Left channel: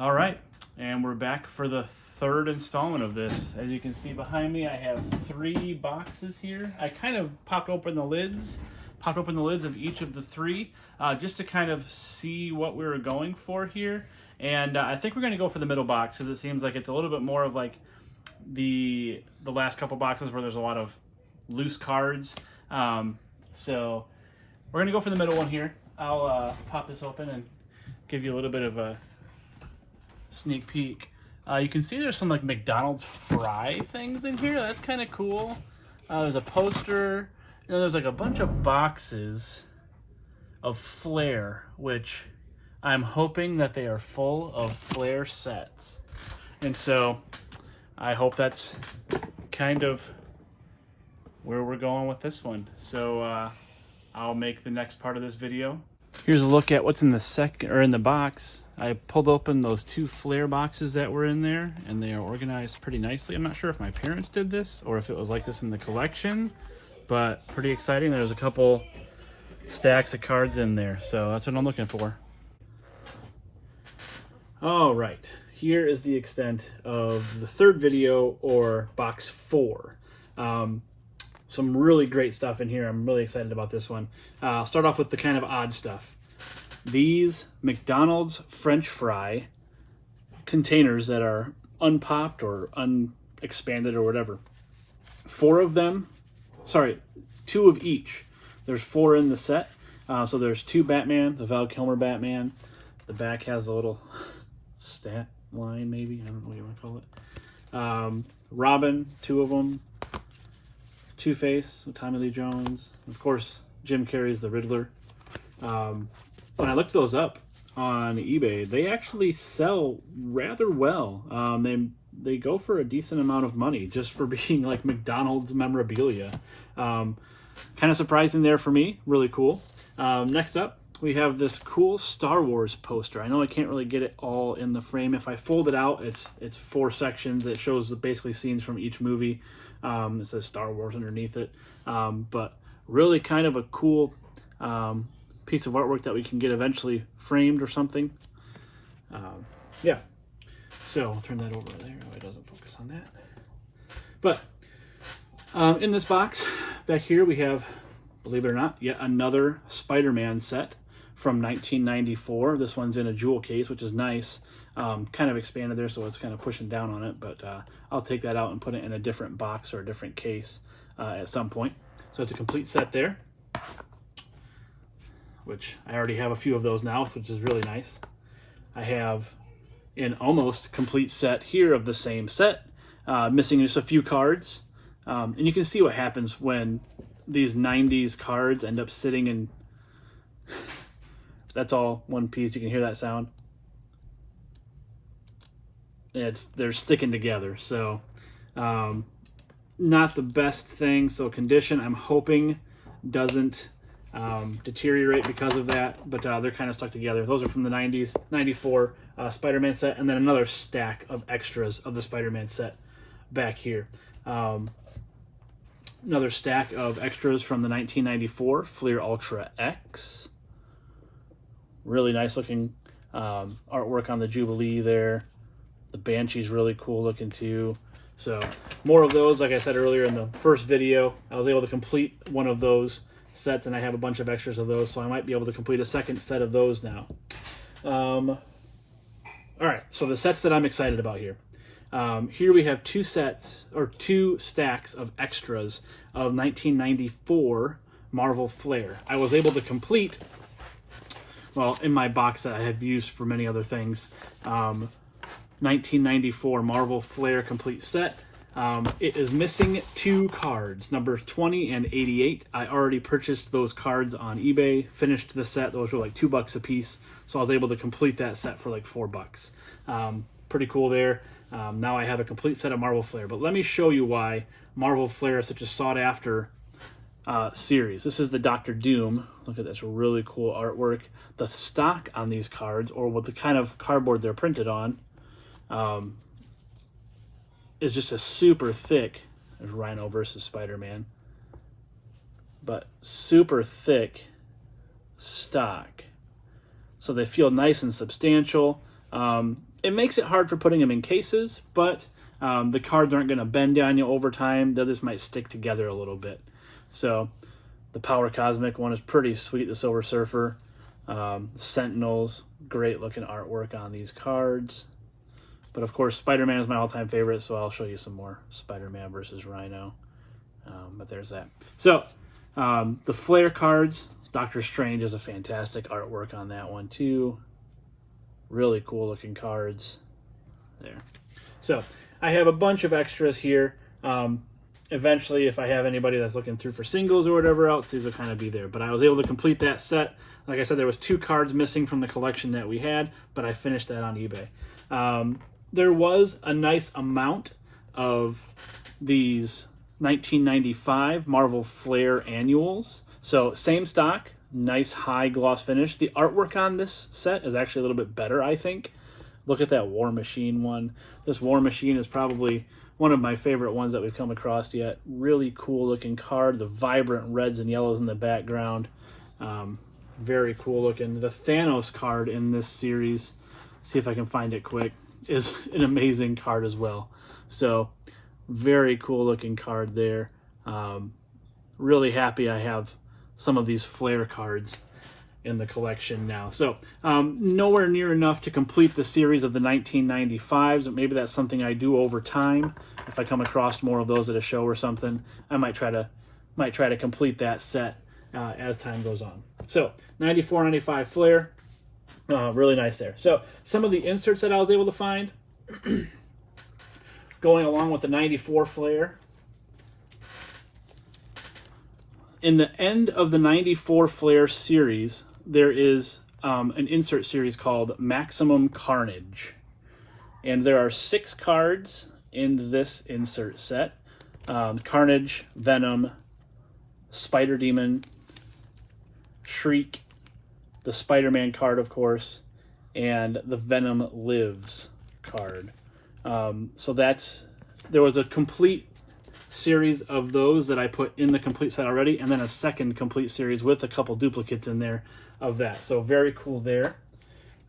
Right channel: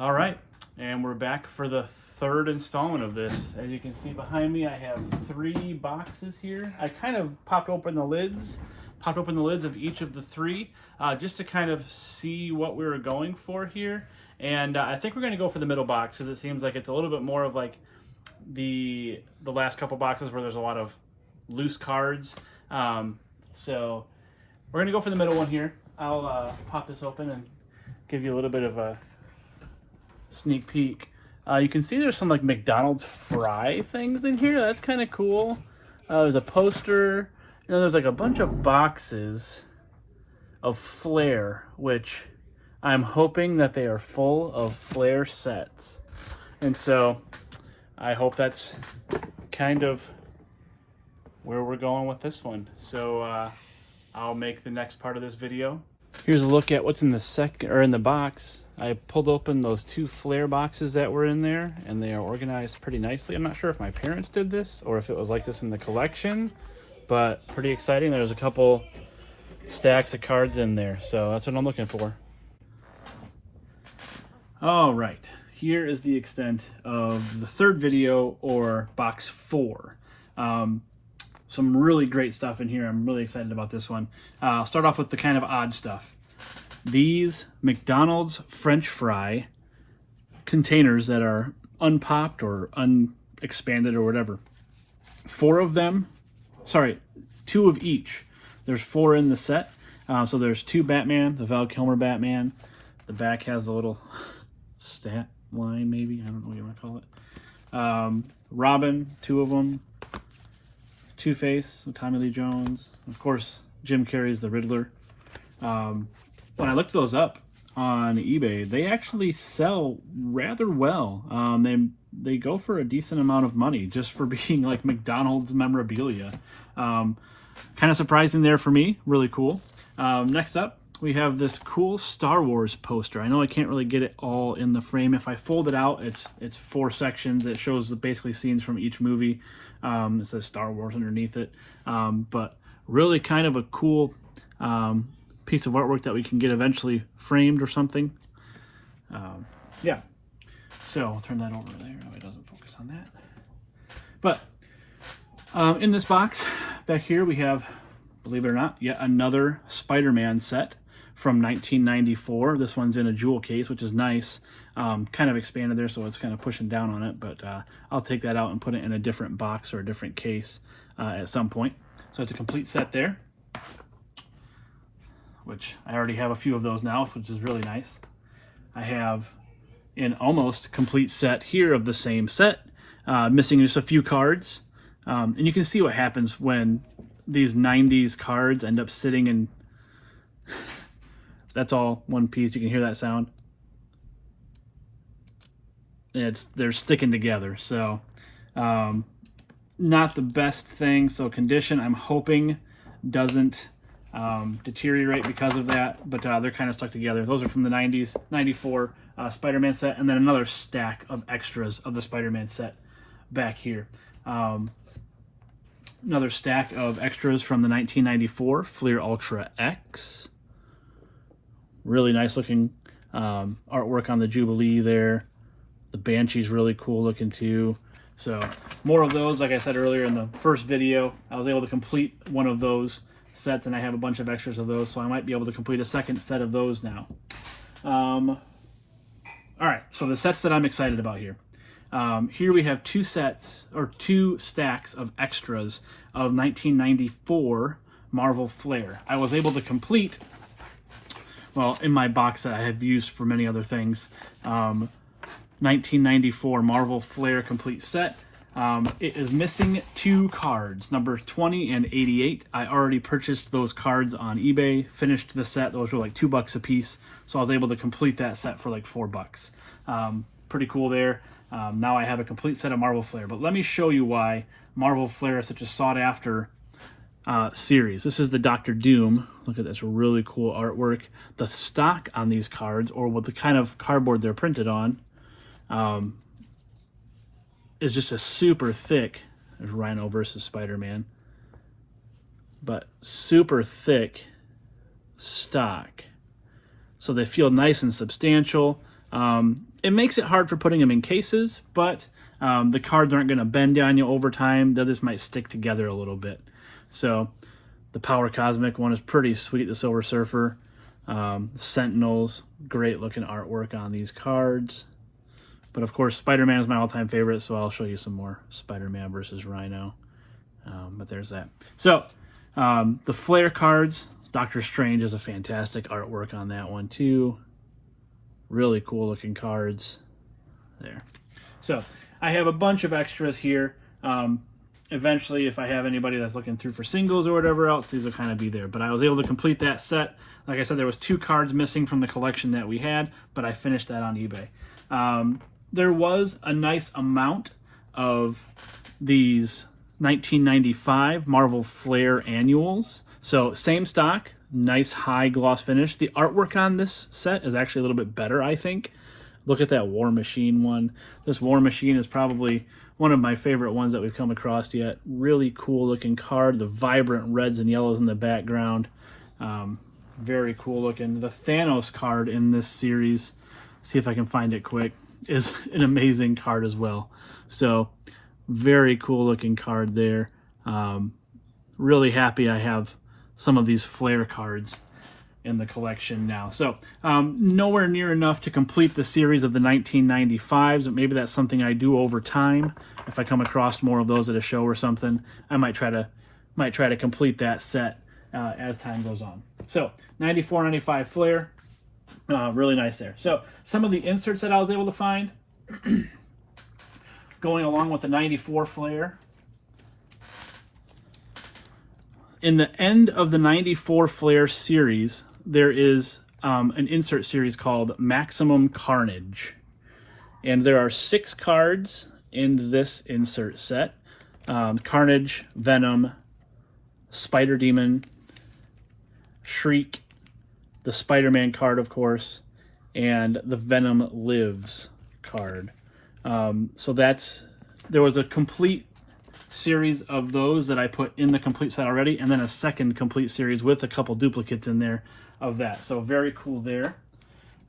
All right, and we're back for the third installment of this. As you can see behind me, I have 3 boxes here. I kind of popped open the lids of each of the 3 just to kind of see what we were going for here. And I think we're going to go for the middle box because it seems like it's a little bit more of like the last couple boxes where there's a lot of loose cards. So we're going to go for the middle one here. I'll pop this open and give you a little bit of a sneak peek. You can see there's some like McDonald's fry things in here. That's kind of cool. There's a poster. There's like a bunch of boxes of Flair, which I'm hoping that they are full of Flair sets. And so I hope that's kind of where we're going with this one. So I'll make the next part of this video. Here's a look at what's in the box. I pulled open those 2 Flair boxes that were in there, and they are organized pretty nicely. I'm not sure if my parents did this or if it was like this in the collection, but pretty exciting. There's a couple stacks of cards in there, so that's what I'm looking for. All right, here is the extent of the third video, or box 4. Some really great stuff in here. I'm really excited about this one. I'll start off with the kind of odd stuff. These McDonald's French fry containers that are unpopped or unexpanded or whatever. 4 of them, sorry, 2 of each. There's 4 in the set. So there's 2 Batman, the Val Kilmer Batman. The back has a little stat line, maybe. I don't know what you want to call it. Robin, 2 of them. Two-Face, Tommy Lee Jones, of course, Jim Carrey's the Riddler. When I looked those up on eBay, they actually sell rather well. They go for a decent amount of money just for being like McDonald's memorabilia. Kind of surprising there for me. Really cool. Next up, we have this cool Star Wars poster. I know I can't really get it all in the frame. If I fold it out, it's 4 sections. It shows basically scenes from each movie. It says Star Wars underneath it. But really kind of a cool piece of artwork that we can get eventually framed or something. Yeah. So I'll turn that over there. Oh, it doesn't focus on that. But in this box back here, we have, believe it or not, yet another Spider-Man set from 1994. This one's in a jewel case, which is nice. Kind of expanded there, so it's kind of pushing down on it, but I'll take that out and put it in a different box or a different case at some point. So it's a complete set there, which I already have a few of those now, which is really nice. I have an almost complete set here of the same set, missing just a few cards. And you can see what happens when these 90s cards end up sitting in... That's all one piece. You can hear that sound. They're sticking together, so not the best thing. So condition, I'm hoping, doesn't deteriorate because of that, but they're kind of stuck together. Those are from the 90s, 94 Spider-Man set, and then another stack of extras of the Spider-Man set back here. Another stack of extras from the 1994 Flair Ultra X. Really nice looking artwork on the Jubilee there. The Banshee's really cool looking too. So more of those. Like I said earlier in the first video, I was able to complete one of those sets, and I have a bunch of extras of those, so I might be able to complete a second set of those now. All right, so the sets that I'm excited about here. Here we have 2 sets, or 2 stacks of extras of 1994 Marvel Flair. I was able to complete, well, in my box that I have used for many other things, 1994 Marvel Flair complete set. It is missing 2 cards, numbers 20 and 88. I already purchased those cards on eBay, finished the set. Those were like $2 a piece, so I was able to complete that set for like $4. Pretty cool there. Now I have a complete set of Marvel Flair, but let me show you why Marvel Flair is such a sought-after series. This is the Doctor Doom. Look at this really cool artwork. The stock on these cards, or what the kind of cardboard they're printed on, is just a super thick, there's Rhino versus Spider-Man, but super thick stock. So they feel nice and substantial. It makes it hard for putting them in cases, but the cards aren't going to bend on you over time. They just might stick together a little bit. So the Power Cosmic one is pretty sweet, the Silver Surfer. Sentinels, great looking artwork on these cards. But of course, Spider-Man is my all-time favorite, so I'll show you some more Spider-Man versus Rhino. But there's that. So the Flair cards, Doctor Strange is a fantastic artwork on that one too. Really cool looking cards there. So I have a bunch of extras here. Eventually, if I have anybody that's looking through for singles or whatever else, these will kind of be there. But I was able to complete that set. Like I said, there was 2 cards missing from the collection that we had, but I finished that on eBay. There was a nice amount of these 1995 Marvel Flair annuals. So same stock, nice high gloss finish. The artwork on this set is actually a little bit better, I think. Look at that War Machine one. This War Machine is probably one of my favorite ones that we've come across yet. Really cool looking card. The vibrant reds and yellows in the background. Very cool looking. The Thanos card in this series, see if I can find it quick, is an amazing card as well. So very cool looking card there. Really happy I have some of these Flair cards in the collection now. So nowhere near enough to complete the series of the 1995s. Maybe that's something I do over time. If I come across more of those at a show or something, I might try to complete that set as time goes on. So 94, 95 Flair, really nice there. So some of the inserts that I was able to find going along with the 94 Flair. In the end of the 94 Flair series, there is an insert series called Maximum Carnage. And there are 6 cards in this insert set. Carnage, Venom, Spider Demon, Shriek, the Spider-Man card, of course, and the Venom Lives card. So there was a complete series of those that I put in the complete set already, and then a second complete series with a couple duplicates in there of that. So very cool there.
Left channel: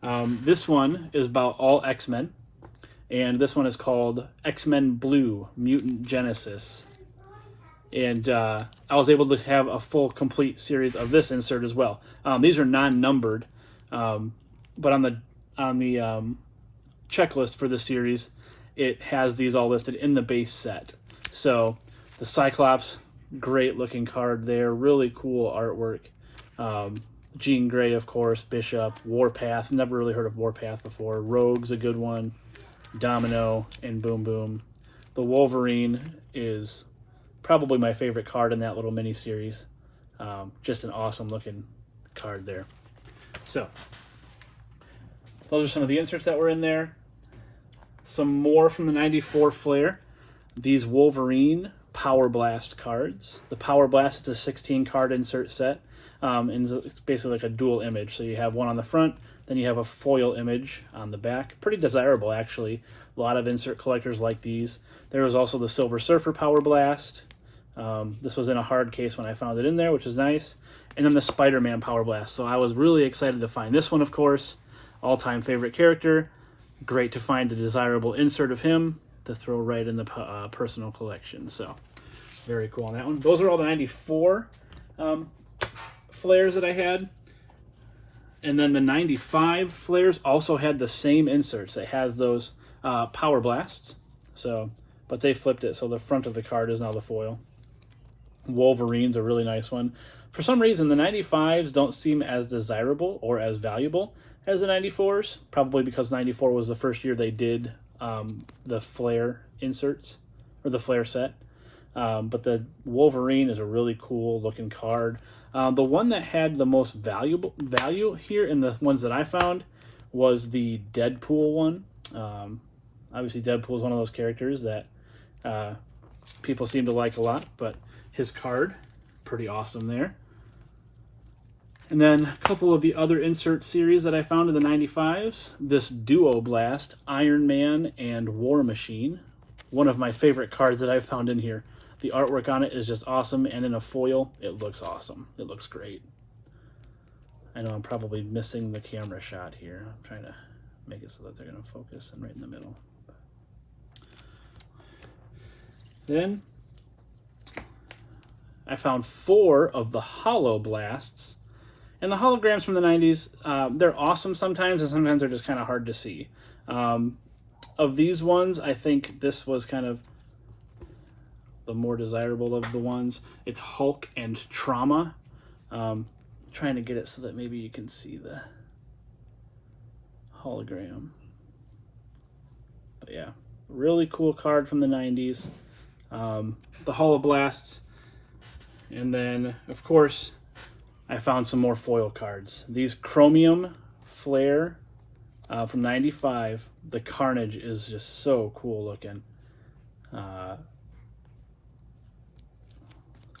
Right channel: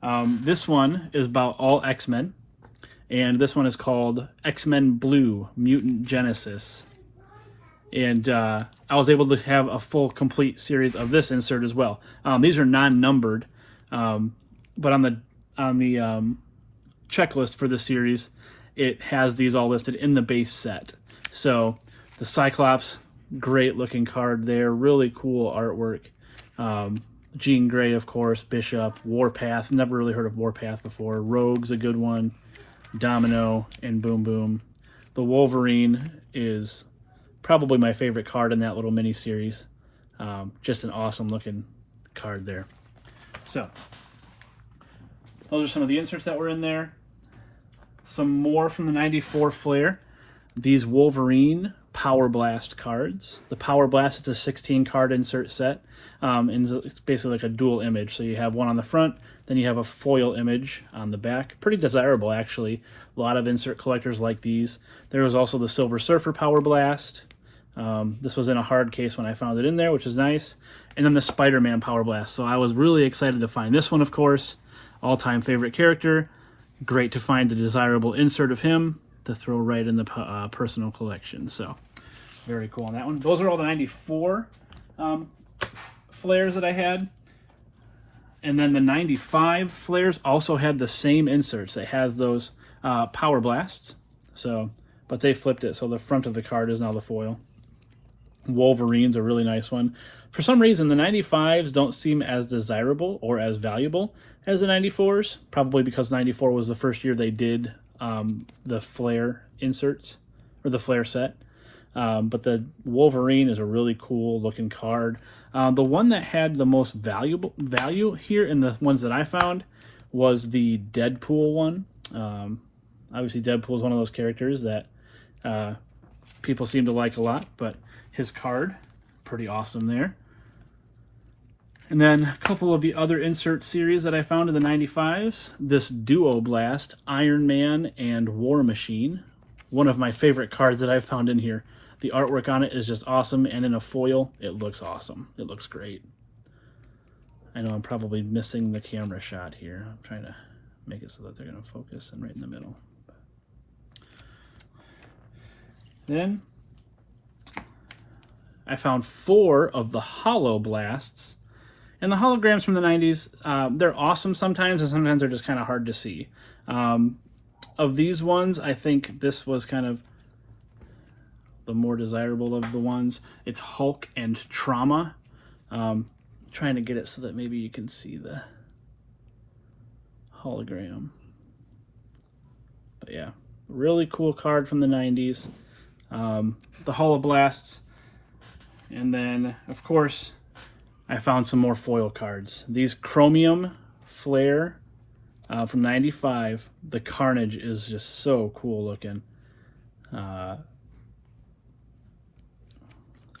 This one is about all X-Men, and this one is called X-Men Blue Mutant Genesis. And I was able to have a full complete series of this insert as well. These are non-numbered, but on the checklist for the series, it has these all listed in the base set. So the Cyclops, great looking card there, really cool artwork. Jean Grey, of course, Bishop, Warpath, never really heard of Warpath before. Rogue's a good one, Domino, and Boom Boom. The Wolverine is probably my favorite card in that little mini series. Just an awesome looking card there. So those are some of the inserts that were in there. Some more from the 94 Flair. These Wolverine Power Blast cards. The Power Blast is a 16 card insert set. And it's basically like a dual image. So you have one on the front, then you have a foil image on the back. Pretty desirable, actually. A lot of insert collectors like these. There was also the Silver Surfer Power Blast. This was in a hard case when I found it in there, which is nice. And then the Spider-Man Power Blast. So I was really excited to find this one, of course. All-time favorite character. Great to find a desirable insert of him to throw right in the personal collection. So very cool on that one. Those are all the 94 Flairs that I had. And then the 95 Flairs also had the same inserts. It has those Power Blasts. So, but they flipped it, so the front of the card is now the foil. Wolverine's a really nice one. For some reason, the 95s don't seem as desirable or as valuable as the 94s, probably because 94 was the first year they did the Flair inserts, or the Flair set. But the Wolverine is a really cool looking card. The one that had the most value here in the ones that I found was the Deadpool one. Obviously, Deadpool is one of those characters that people seem to like a lot, but his card, pretty awesome there. And then a couple of the other insert series that I found in the 95s. This Duo Blast, Iron Man and War Machine. One of my favorite cards that I've found in here. The artwork on it is just awesome, and in a foil, it looks awesome. It looks great. I know I'm probably missing the camera shot here. I'm trying to make it so that they're going to focus and right in the middle. Then I found 4 of the Holo Blasts. And the holograms from the 90s, they're awesome sometimes, and sometimes they're just kind of hard to see. Of these ones, I think this was kind of the more desirable of the ones. It's Hulk and Trauma. Trying to get it so that maybe you can see the hologram. But yeah, really cool card from the 90s. The Holoblasts. And then, of course, I found some more foil cards. These Chromium Flair from 95. The Carnage is just so cool looking.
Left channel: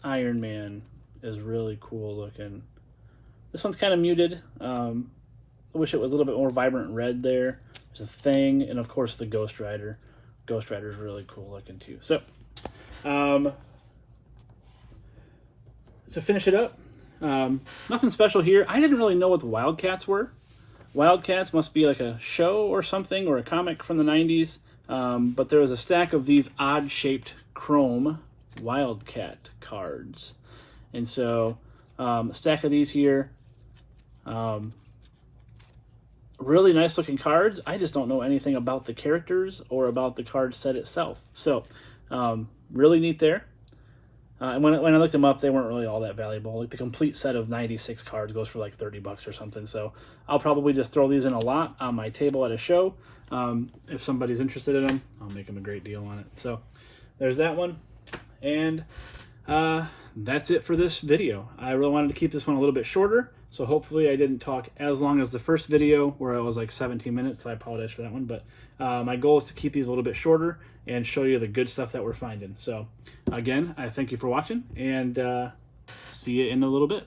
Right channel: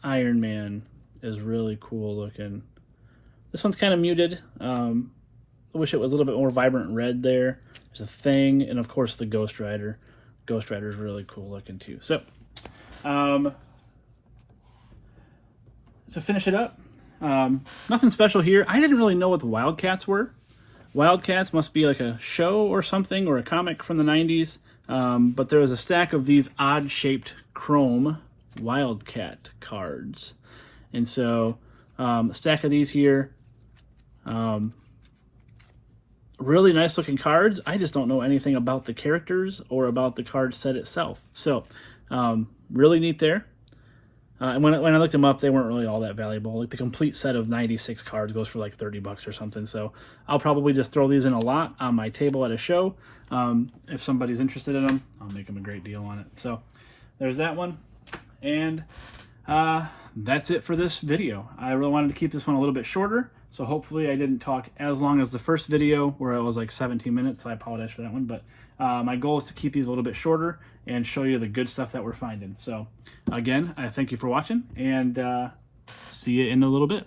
Iron Man is really cool looking. This one's kind of muted. I wish it was a little bit more vibrant red there. There's a Thing, and of course the Ghost Rider. Ghost Rider is really cool looking too. So, to finish it up, nothing special here. I didn't really know what the Wildcats were. Wildcats must be like a show or something, or a comic from the 90s. But there was a stack of these odd-shaped chrome Wildcat cards. And so, a stack of these here. Really nice looking cards. I just don't know anything about the characters or about the card set itself. So, really neat there. And when I looked them up, they weren't really all that valuable. Like the complete set of 96 cards goes for like $30 or something. So I'll probably just throw these in a lot on my table at a show. If somebody's interested in them, I'll make them a great deal on it. So there's that one. And that's it for this video. I really wanted to keep this one a little bit shorter. So hopefully I didn't talk as long as the first video where it was like 17 minutes. So I apologize for that one. But my goal is to keep these a little bit shorter and show you the good stuff that we're finding. So again, I thank you for watching, and see you in a little bit.